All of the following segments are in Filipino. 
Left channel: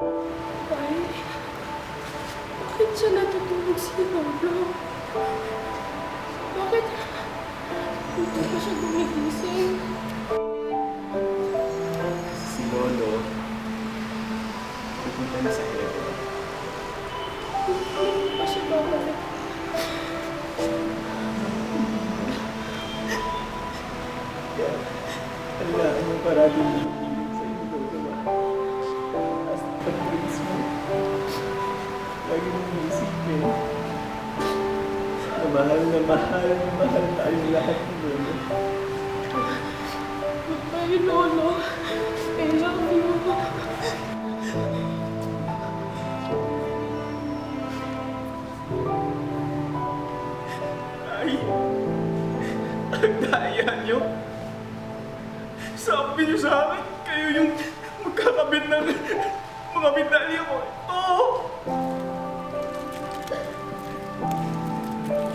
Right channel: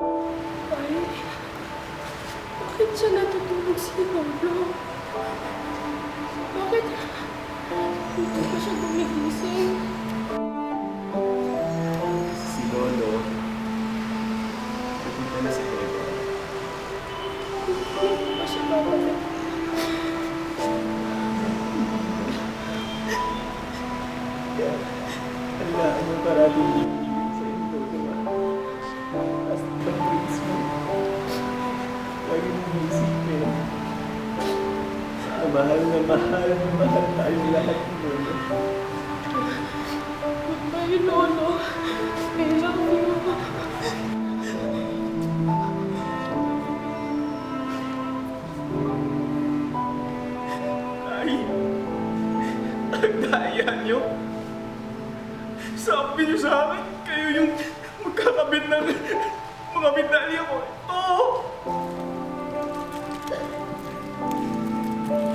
Ay, bakit siya natutulog si Lolo? Bakit hindi pa siya gumigising? Si Lolo, pupunta na sa heaven. Hindi pa siya babalik. Kaya, kailangan mo parating bibigyan sa iyo, Lolo. As pag-dreams mo, lagi mong isipin na mahal tayong lahat ni Lolo. Goodbye, Lolo. I love you. Ay, ang daya niyo. Sabi niyo sa akin, kayo yung magkakabit ng mga medalya ko. Ito!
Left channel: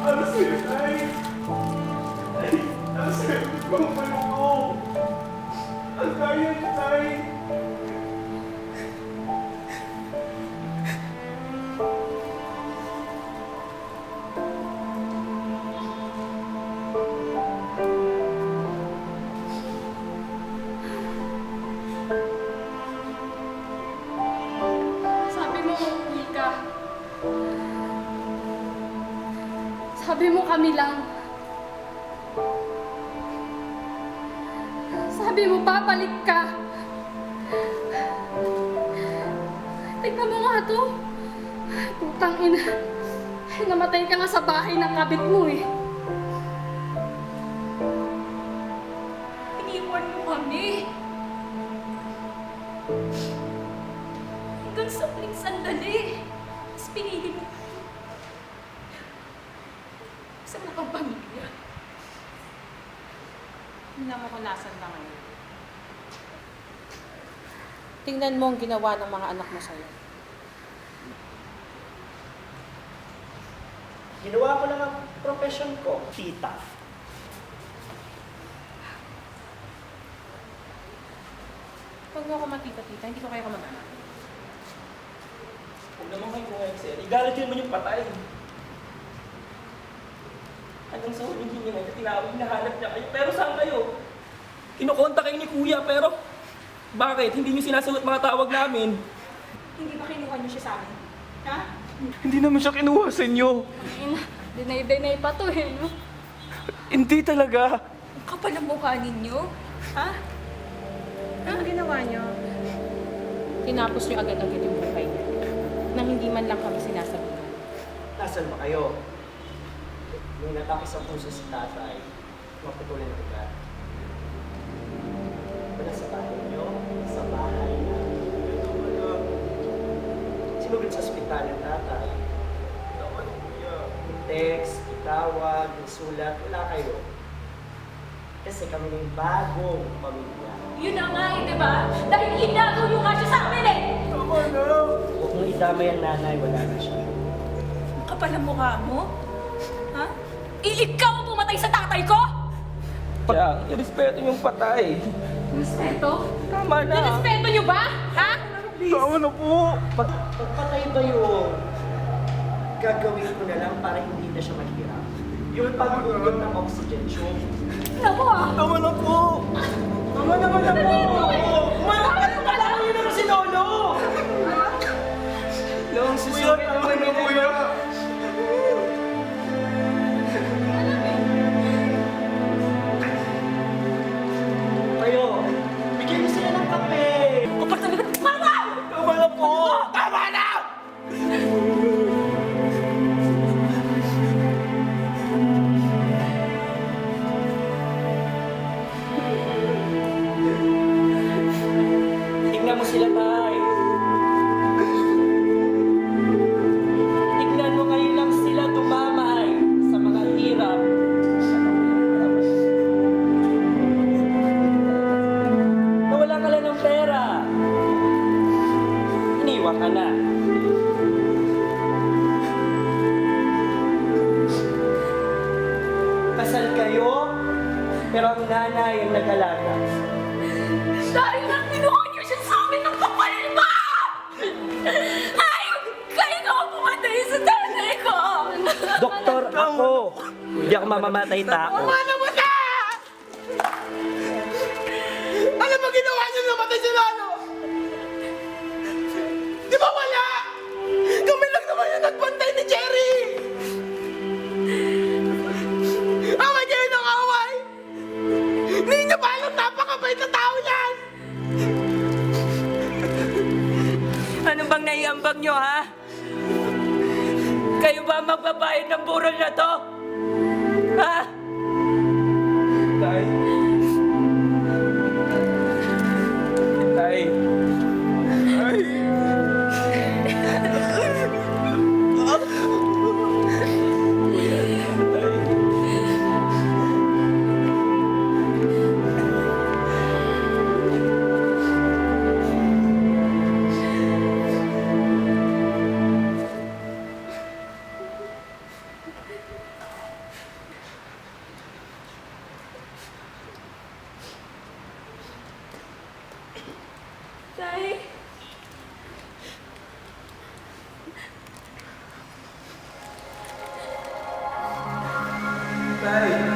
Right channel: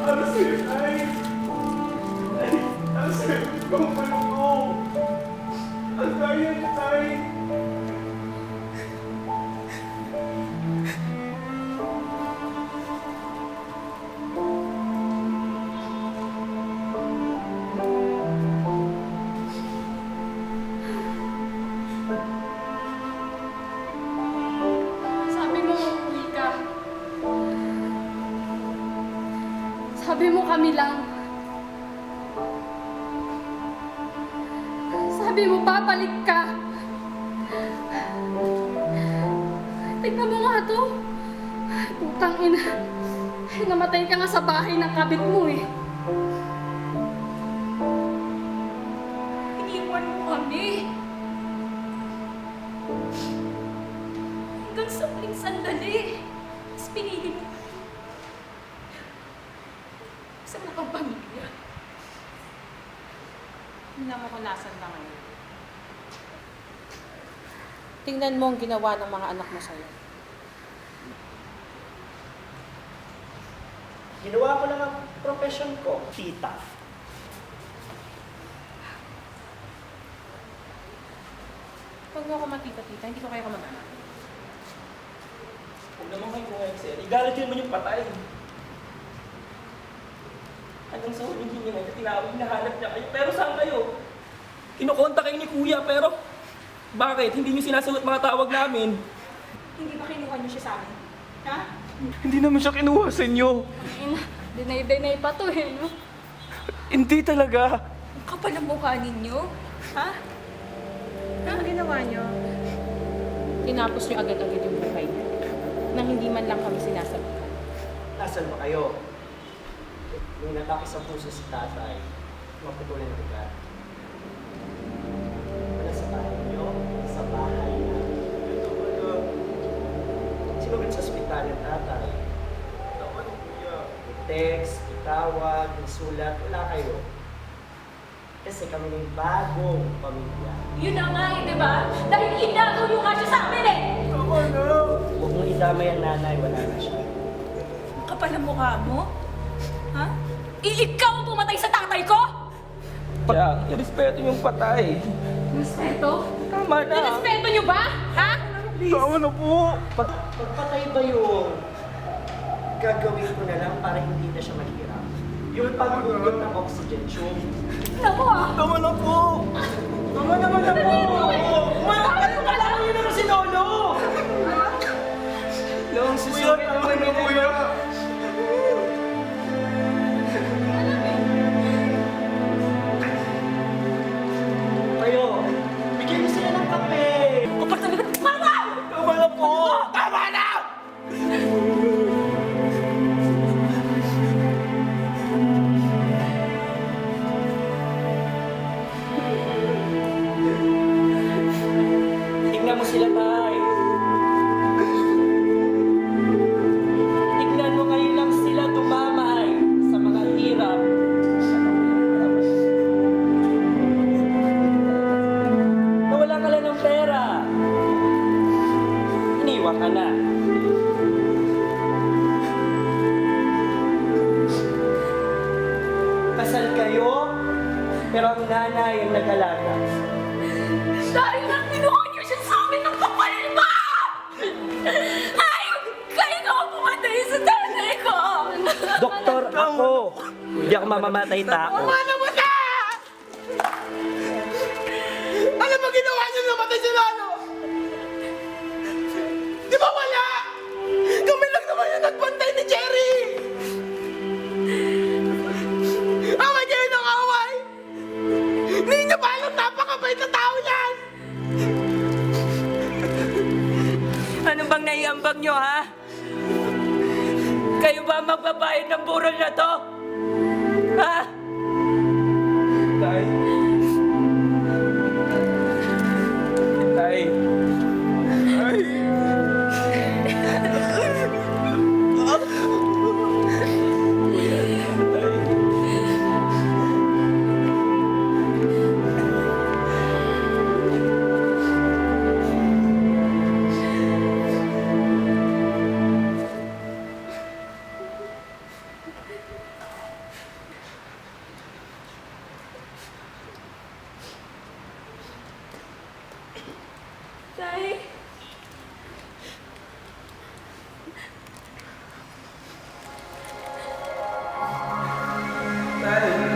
Ang sweet, ay! Ay, ang sweet kong malungo. Ang daya niyo, tay. Sabi mo, uuwi ka. Sabi mo kami lang. Sabi mo, babalik ka. Tignan mo nga to. Putang ina. Namatay ka nga sa bahay ng kabit mo eh. Iniwan mo kami. Hanggang sa huling sandali. Tapos pinili mo. Sa mga pamilya. Tingnan mo kung nasan na ngayon. Tingnan mo ang ginawa ng mga anak mo sa'yo. Ginawa ko lang ang profession ko, tita. Huwag mo ako matita-tita, hindi ko kayo kamag-anak. Huwag naman kayo ngayon, sir. Igalit yun naman yung patay. Hanggang sa huling hininga niya, tinawag, hinahanap niya kayo. Pero saan kayo? Kinukonta kayo ni kuya, pero bakit? Hindi niyo sinasagot mga tawag namin. Hindi ba kinuha niyo siya sa amin? Ha? Hindi naman siya kinuha sa inyo. Ina, dinay-dinay pa to eh, no? Hindi talaga. Ang kapal ang mukha ninyo. Ha? Ano ginawa niyo? Tinapos niyo agad-agad yung buhay niyo. Nang hindi man lang kami sinasabihan. Nasaan ba kayo? Nung natake sa puso si tatay, maputulan ng ugat. Wala sa bahay niyo, sa bahay namin. Sinugod sa ospital ng tatay. I-text, itawag, isulat, wala kayo. Kasi kami ng bagong pamilya. Yun na nga eh, di ba? Dahil inagaw niyo nga siya sa amin eh! Tama na. Huwag mong idamay ang nanay, wala na siya. Ang kapal ang mukha mo? Ha? Ikaw ang pumatay sa tatay ko? Kaya, irespeto yung patay. Respeto? Tama na. Nirespeto niyo ba? Ha? Tama na po. Pagpatay ba yung gagawin ko na lang para hindi na siya maghirap? Yung pag-ugot ng oxygen tube. Naku ah! Tama na po. Tama naman na po! Umarap ka naman! Alam niyo naman si Lolo! Long Kuya, tama na kuya. Kayo, bigyan niyo sila ng kape! Kapag talaga, mama! Tama na po! Tama na! Tignan mo sila, tay. Tignan mo ngayon lang sila tumamay sa mga hirap. Nawala ka lang ng pera. Iniwan ka na. Kasal kayo, pero ang nanay ang nag-alaga. Dahil lang kinuha niyo siya sa amin ng kapal ba? Hindi ako mamamatay tao. Ano mo na? Ano ba ginawa niyo namatay si Lolo? Di ba wala? Kami lang naman yung nagbantay ni Jerry! Away kayo ng away! Hindi niyo ba alam napakabait na tao yan? Ano bang naiambag nyo, ha? Kayo ba ang magbabayad ng burol na to? Ha? Tay. Tay. Ay! Tay. Tay.